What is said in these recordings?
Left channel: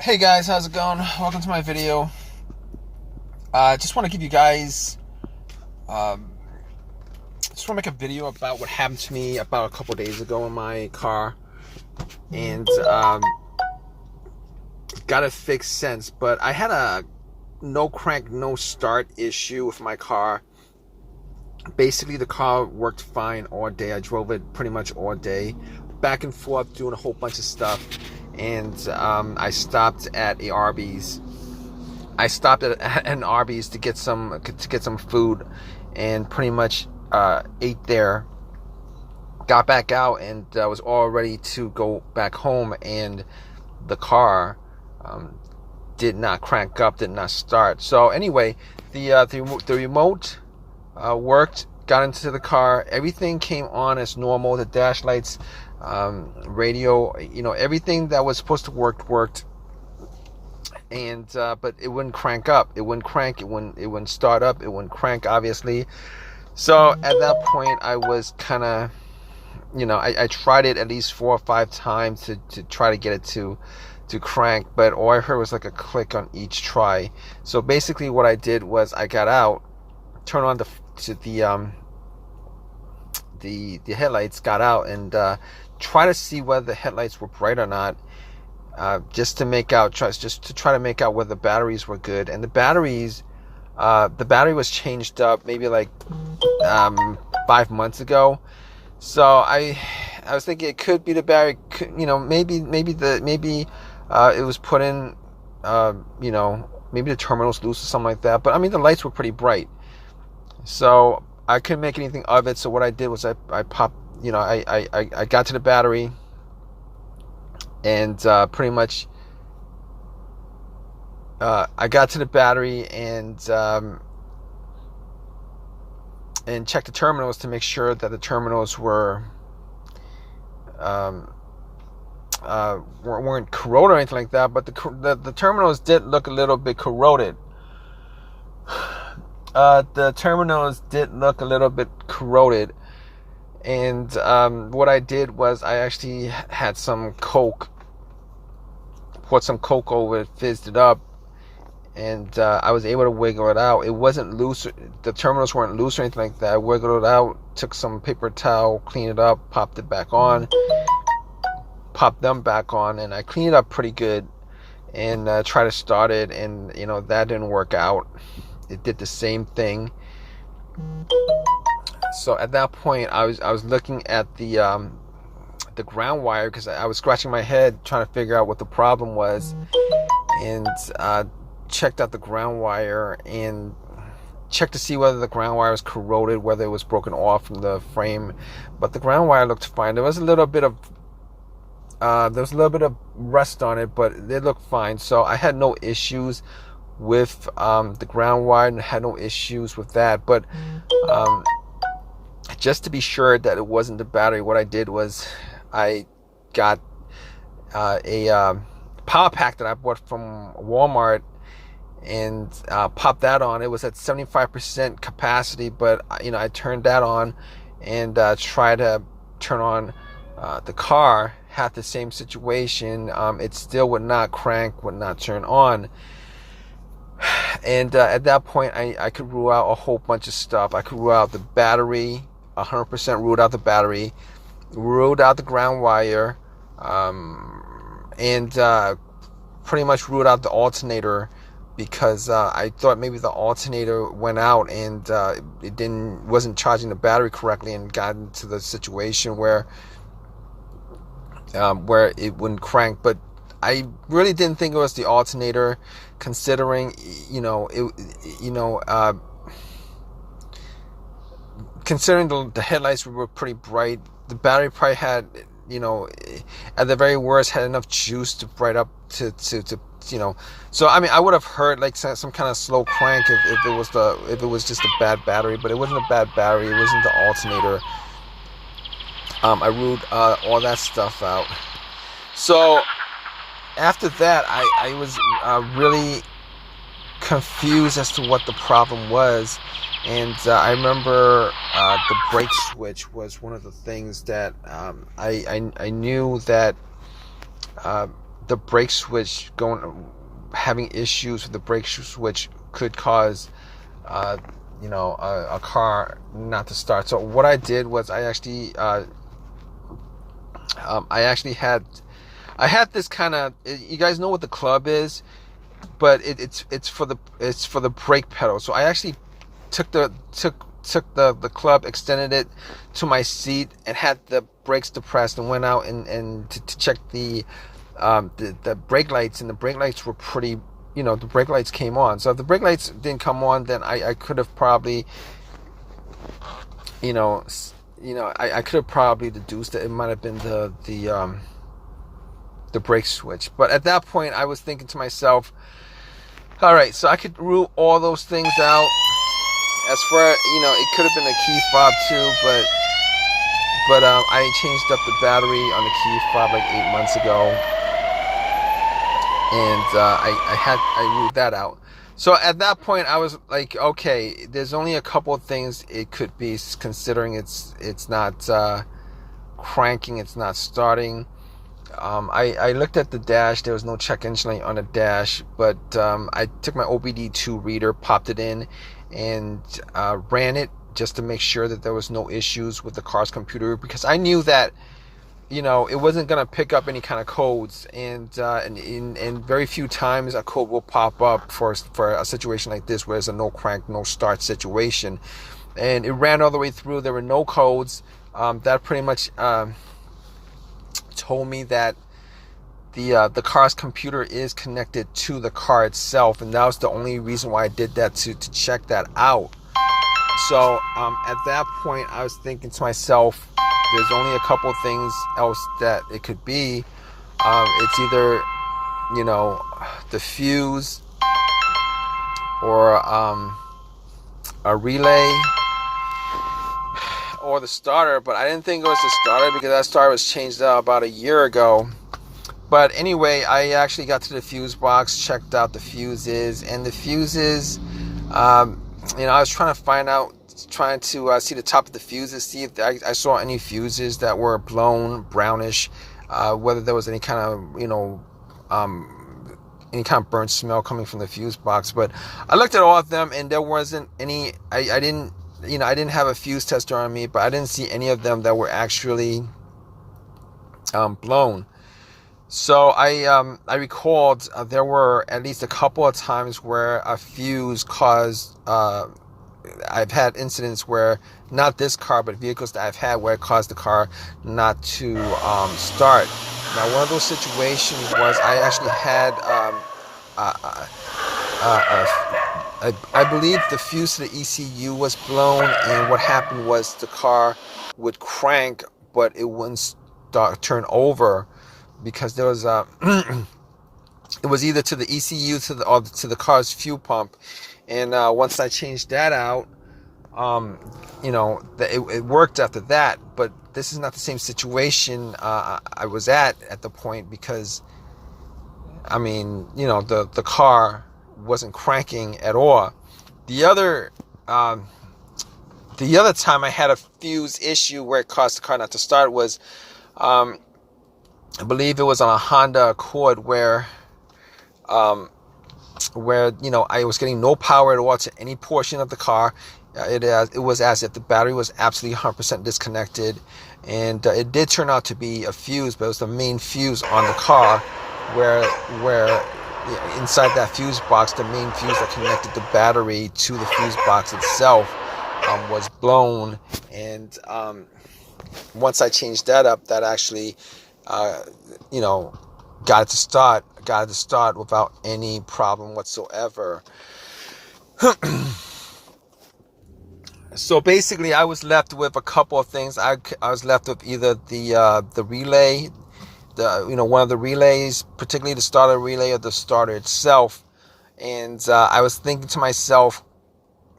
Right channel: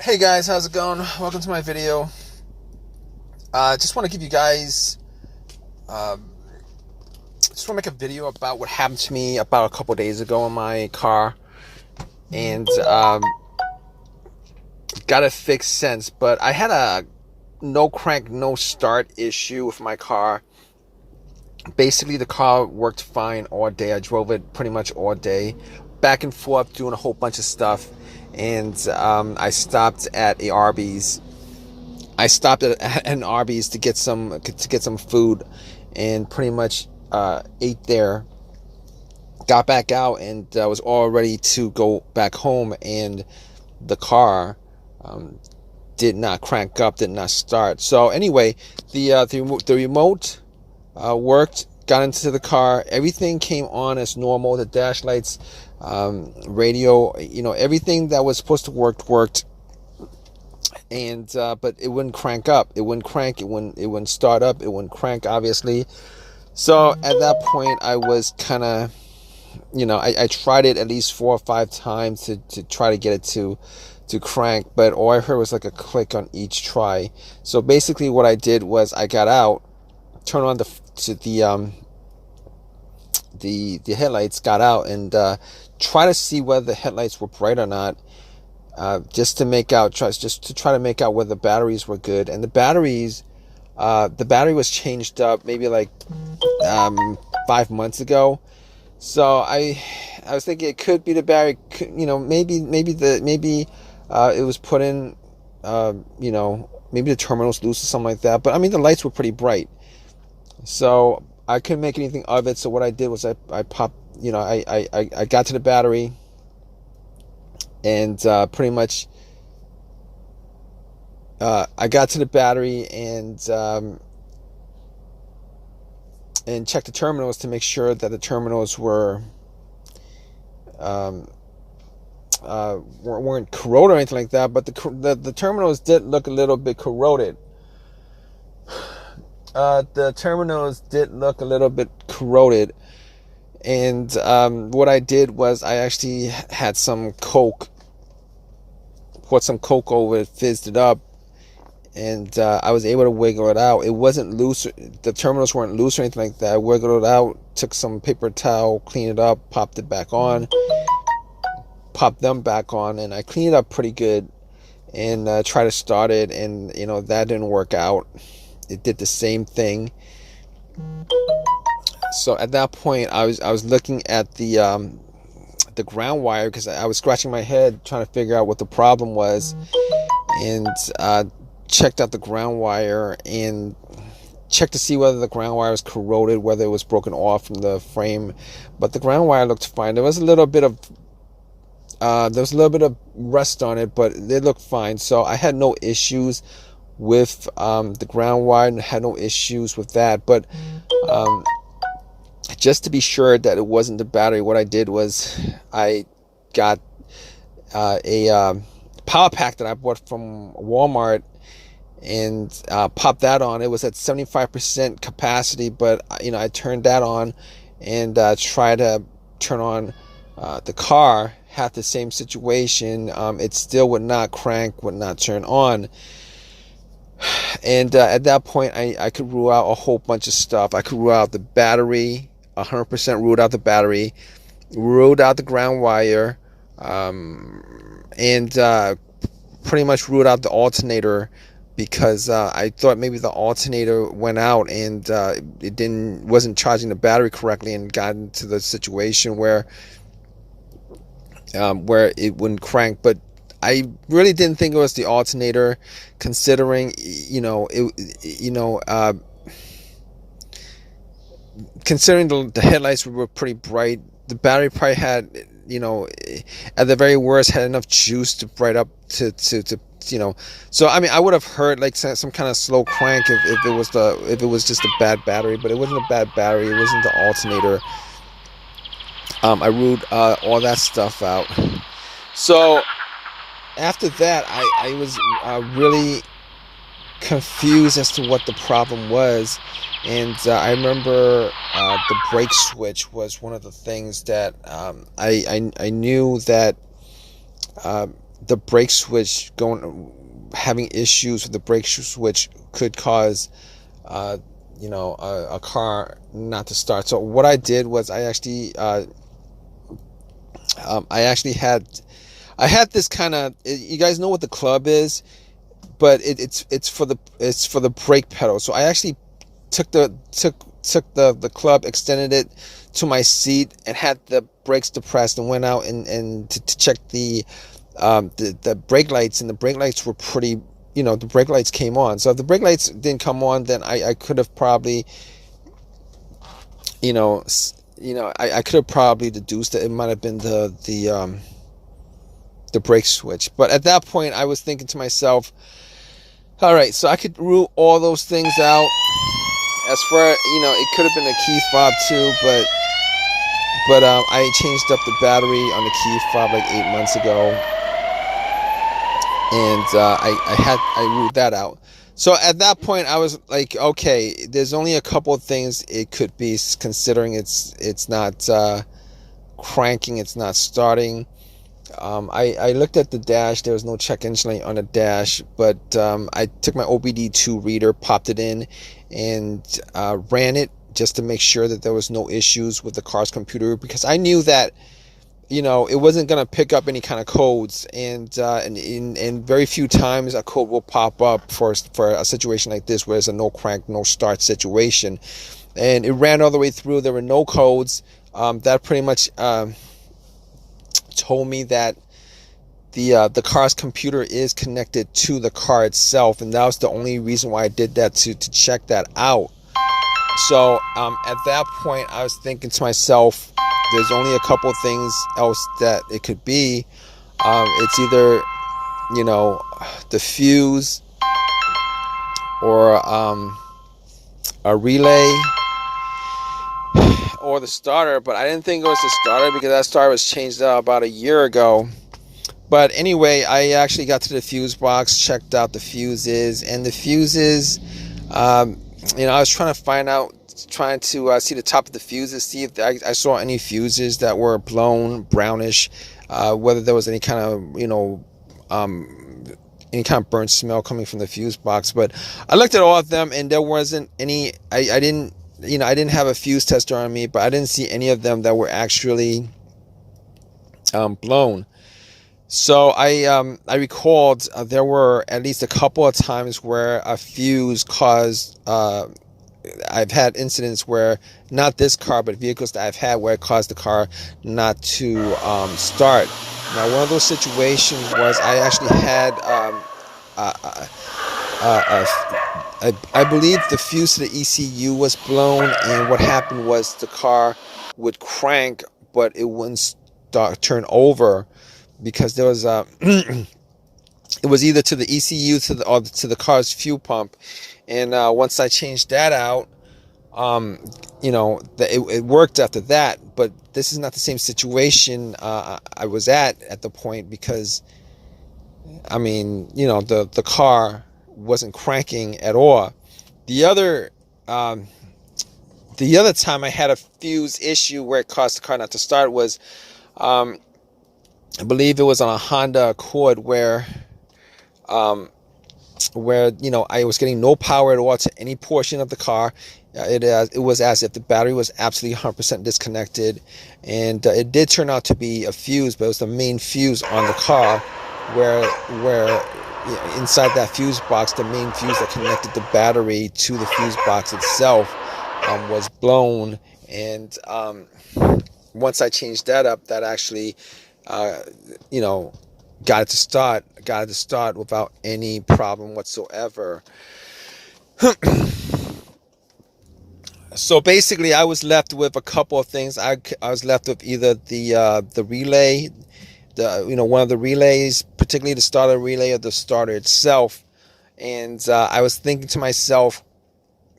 Hey guys, how's it going? Welcome to my video. Just want to give you guys, um, just want to make a video about what happened to me about a couple days ago in my car, and got it fixed since. But I had a no crank, no start issue with my car. Basically, the car worked fine all day. I drove it pretty much all day, back and forth, doing a whole bunch of stuff, and I stopped at a Arby's. I stopped at an Arby's to get some food, and pretty much ate there. Got back out and was all ready to go back home, and the car um, did not crank up, did not start. So anyway, the remote worked. Got into the car. Everything came on as normal. The dash lights, radio, everything that was supposed to worked. And but it wouldn't crank up. It wouldn't crank. It wouldn't start up. It wouldn't crank, obviously. So at that point, I was kind of, I tried it at least 4 or 5 times to try to get it to crank, but all I heard was like a click on each try. So basically, what I did was I got out, turned on the headlights, got out, and try to see whether the headlights were bright or not. Just to try to make out whether the batteries were good. And the battery was changed up maybe like 5 months ago. So I was thinking it could be the battery. Maybe it was put in. Maybe the terminal's loose or something like that. But I mean, the lights were pretty bright, so I couldn't make anything of it. So what I did was I popped. I got to the battery. And pretty much, I got to the battery and checked the terminals to make sure that the terminals weren't corroded or anything like that. But the terminals did look a little bit corroded. And what I did was I actually had some Coke, poured some Coke over it, fizzed it up, and I was able to wiggle it out. It wasn't loose. The terminals weren't loose or anything like that. I wiggled it out, took some paper towel, cleaned it up, popped them back on, and I cleaned it up pretty good, and tried to start it, and that didn't work out. It did the same thing. So at that point, I was looking at the ground wire, because I was scratching my head trying to figure out what the problem was, and checked out the ground wire and checked to see whether the ground wire was corroded, whether it was broken off from the frame. But the ground wire looked fine. There was a little bit of rust on it, but it looked fine. So I had no issues with the ground wire, and had no issues with that. But just to be sure that it wasn't the battery, what I did was I got a power pack that I bought from Walmart, and popped that on. It was at 75% capacity, but I turned that on and tried to turn on the car. Had the same situation. It still would not crank, would not turn on. And at that point, I could rule out a whole bunch of stuff. I could rule out the battery, 100% ruled out the battery, ruled out the ground wire, and pretty much ruled out the alternator, because I thought maybe the alternator went out and it wasn't charging the battery correctly, and got into the situation where it wouldn't crank. But I really didn't think it was the alternator, considering considering the headlights were pretty bright. The battery probably had, at the very worst, had enough juice to bright up to so I mean, I would have heard like some kind of slow crank if it was just a bad battery. But it wasn't a bad battery. It wasn't the alternator. I ruled all that stuff out. So after that, I was really confused as to what the problem was. And I remember the brake switch was one of the things that I knew that the brake switch having issues with the brake switch could cause a car not to start. So what I did was I actually had this kind of, you guys know what the club is, but it's for the brake pedal. So I actually took the club, extended it to my seat, and had the brakes depressed, and went out and to check the brake lights, and the brake lights were pretty, the brake lights came on. So if the brake lights didn't come on, then I could have probably, I could have probably deduced that it might have been the brake switch. But at that point, I was thinking to myself, all right, so I could rule all those things out. As for, it could have been a key fob too, but I changed up the battery on the key fob like 8 months ago, and I ruled that out. So at that point, I was like, okay, there's only a couple of things it could be, considering it's not cranking, it's not starting. I looked at the dash. There was no check engine light on the dash, but I took my OBD2 reader, popped it in, and ran it just to make sure that there was no issues with the car's computer, because I knew that it wasn't going to pick up any kind of codes, and very few times a code will pop up for a situation like this, where it's a no crank, no start situation. And it ran all the way through. There were no codes. That pretty much told me that the car's computer is connected to the car itself, and that was the only reason why I did that, to check that out. So at that point, I was thinking to myself, there's only a couple things else that it could be. It's either the fuse, or a relay, or the starter. But I didn't think it was the starter, because that starter was changed out about a year ago. But anyway, I actually got to the fuse box, checked out the fuses, and the fuses, I was trying to see the top of the fuses, see if I saw any fuses that were blown, brownish, whether there was any kind of burnt smell coming from the fuse box. But I looked at all of them, and there wasn't any. I didn't have a fuse tester on me, but I didn't see any of them that were actually blown. So I recalled there were at least a couple of times where a fuse caused. I've had incidents where, not this car, but vehicles that I've had, where it caused the car not to start. Now, one of those situations was I actually had, I believe the fuse to the ECU was blown, and what happened was the car would crank, but it wouldn't turn over, because there was it was either to the ECU or to the car's fuel pump. And once I changed that out, it worked after that. But this is not the same situation I was at the point, because the car wasn't cranking at all. The other time I had a fuse issue where it caused the car not to start was, I believe it was on a Honda Accord, where I was getting no power at all to any portion of the car. It was as if the battery was absolutely 100% disconnected, and it did turn out to be a fuse, but it was the main fuse on the car, where inside that fuse box, the main fuse that connected the battery to the fuse box itself was blown. And once I changed that up, that actually got it to start without any problem whatsoever. So basically, I was left with a couple of things. I was left with either the relay, one of the relays, particularly the starter relay, or the starter itself. And I was thinking to myself,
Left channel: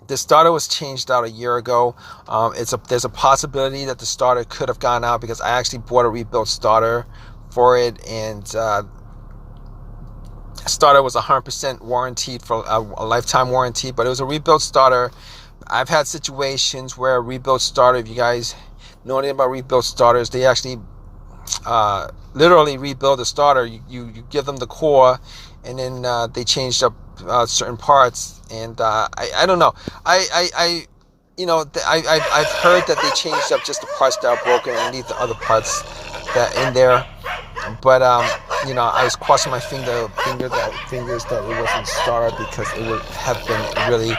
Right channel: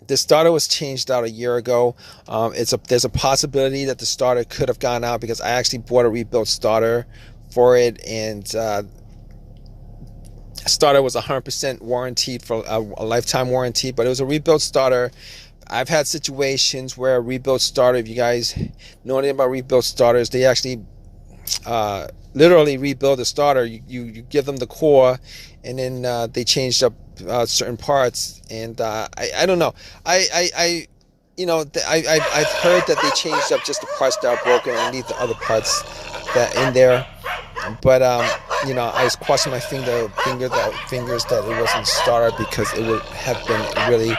the starter was changed out a year ago. There's a possibility that the starter could have gone out, because I actually bought a rebuilt starter for it, and starter was 100% warranted for a lifetime warranty, but it was a rebuilt starter. I've had situations where a rebuilt starter, if you guys know anything about rebuilt starters, they actually literally rebuild the starter. You give them the core, and then they changed up certain parts. And I don't know. I've heard that they changed up just the parts that are broken and leave the other parts that in there. But I was crossing my fingers that it wasn't started, because it would have been really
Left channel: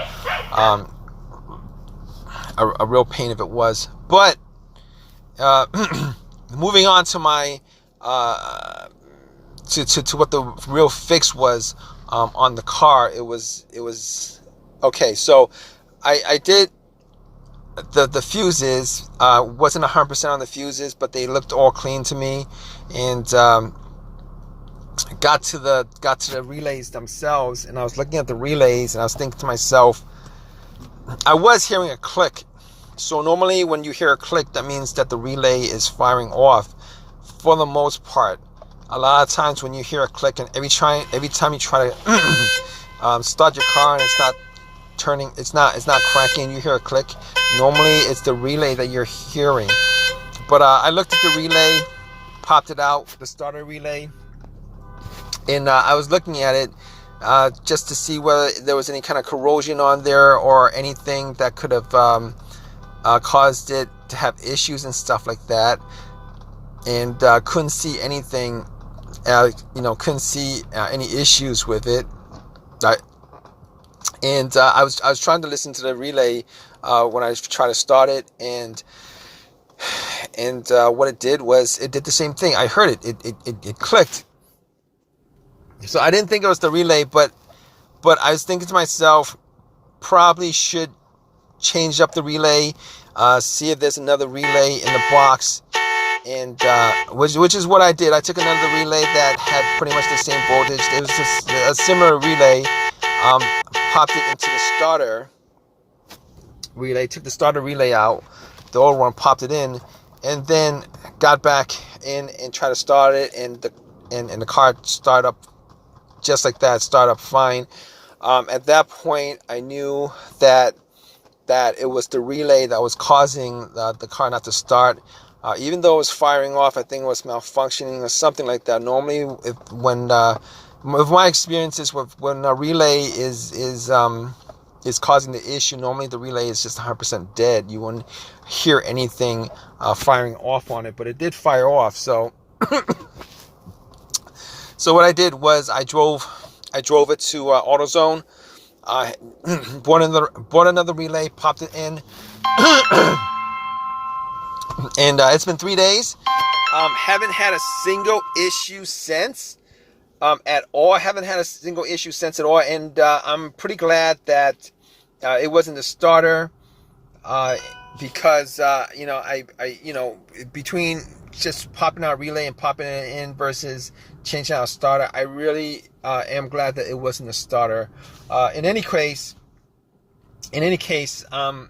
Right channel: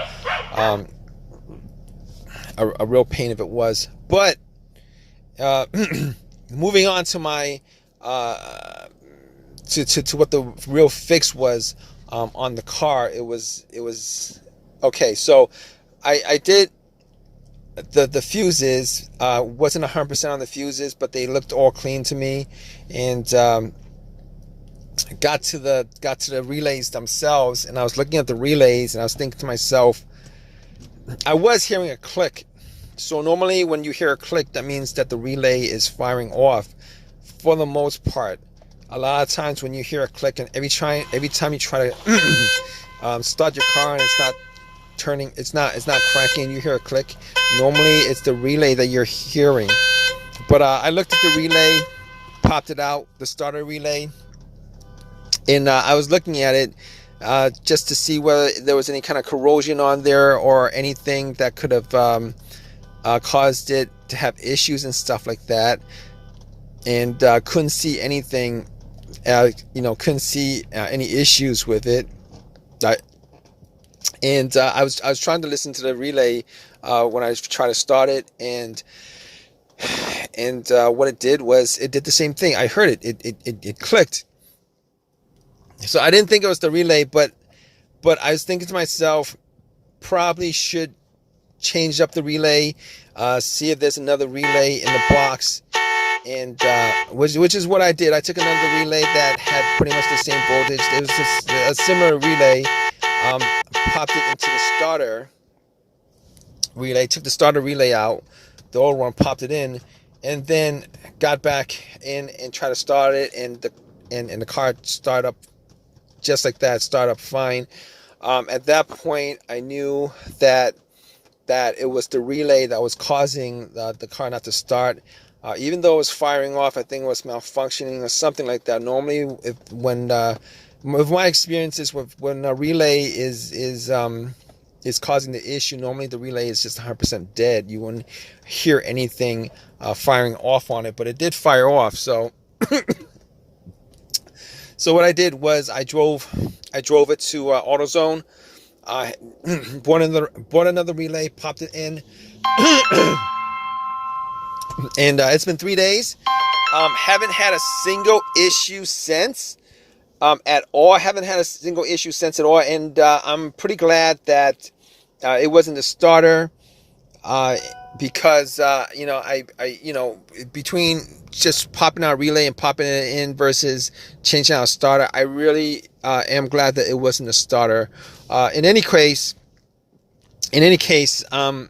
a real pain if it was. But moving on to my to what the real fix was on the car. It was okay. So I did the fuses. Wasn't 100% on the fuses, but they looked all clean to me. And got to the relays themselves, and I was looking at the relays, and I was thinking to myself, I was hearing a click. So normally when you hear a click, that means that the relay is firing off. For the most part, a lot of times when you hear a click, and every time you try to start your car and it's not turning, it's not cranking, you hear a click, normally it's the relay that you're hearing. But I looked at the relay, popped it out, the starter relay, and I was looking at it just to see whether there was any kind of corrosion on there or anything that could have caused it to have issues and stuff like that. And couldn't see anything, couldn't see any issues with it. And I was trying to listen to the relay when I tried to start it, and what it did was it did the same thing. I heard it. It clicked. So I didn't think it was the relay, but I was thinking to myself, probably should change up the relay, see if there's another relay in the box, and which is what I did. I took another relay that had pretty much the same voltage. It was just a similar relay. Popped it into the starter relay, took the starter relay out, the old one, popped it in, and then got back in and tried to start it, and the car started up just like that, started up fine. At that point, I knew that it was the relay that was causing the car not to start. Even though it was firing off, I think it was malfunctioning or something like that. Normally, with my experiences, when a relay is causing the issue, normally the relay is just 100% dead. You wouldn't hear anything firing off on it, but it did fire off. So what I did was I drove it to AutoZone. Bought another relay, popped it in, and it's been 3 days. Haven't had a single issue since. At all. Haven't had a single issue since at all, and I'm pretty glad that it wasn't the starter, because between just popping out a relay and popping it in versus changing out a starter, I really am glad that it wasn't a starter. In any case, if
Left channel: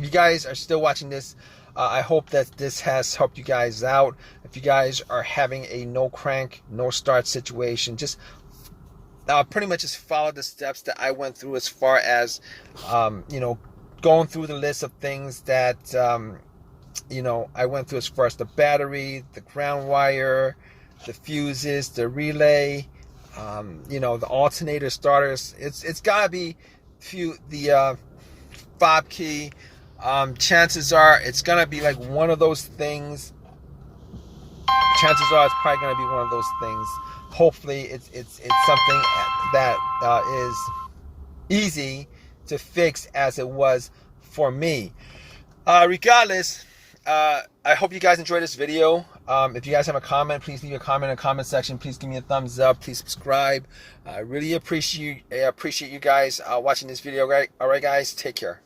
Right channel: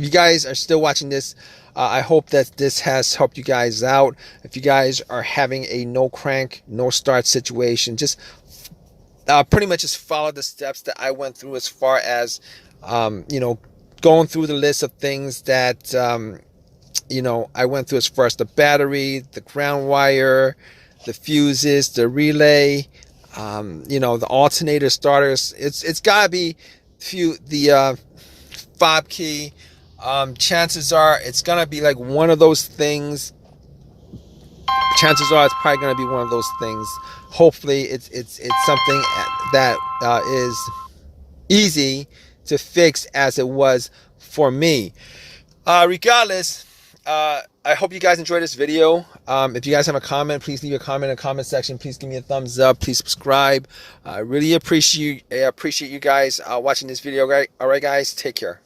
you guys are still watching this, I hope that this has helped you guys out. If you guys are having a no crank, no start situation, just pretty much just follow the steps that I went through, as far as going through the list of things that I went through, as far as the battery, the ground wire, the fuses, the relay, the alternator starters. It's gotta be the fob key. Chances are it's gonna be like one of those things. Chances are it's probably gonna be one of those things. Hopefully it's something that is easy to fix, as it was for me. Regardless, I hope you guys enjoyed this video. If you guys have a comment, please leave a comment in the comment section. Please give me a thumbs up. Please subscribe. I really appreciate you guys watching this video. All right, guys, take care.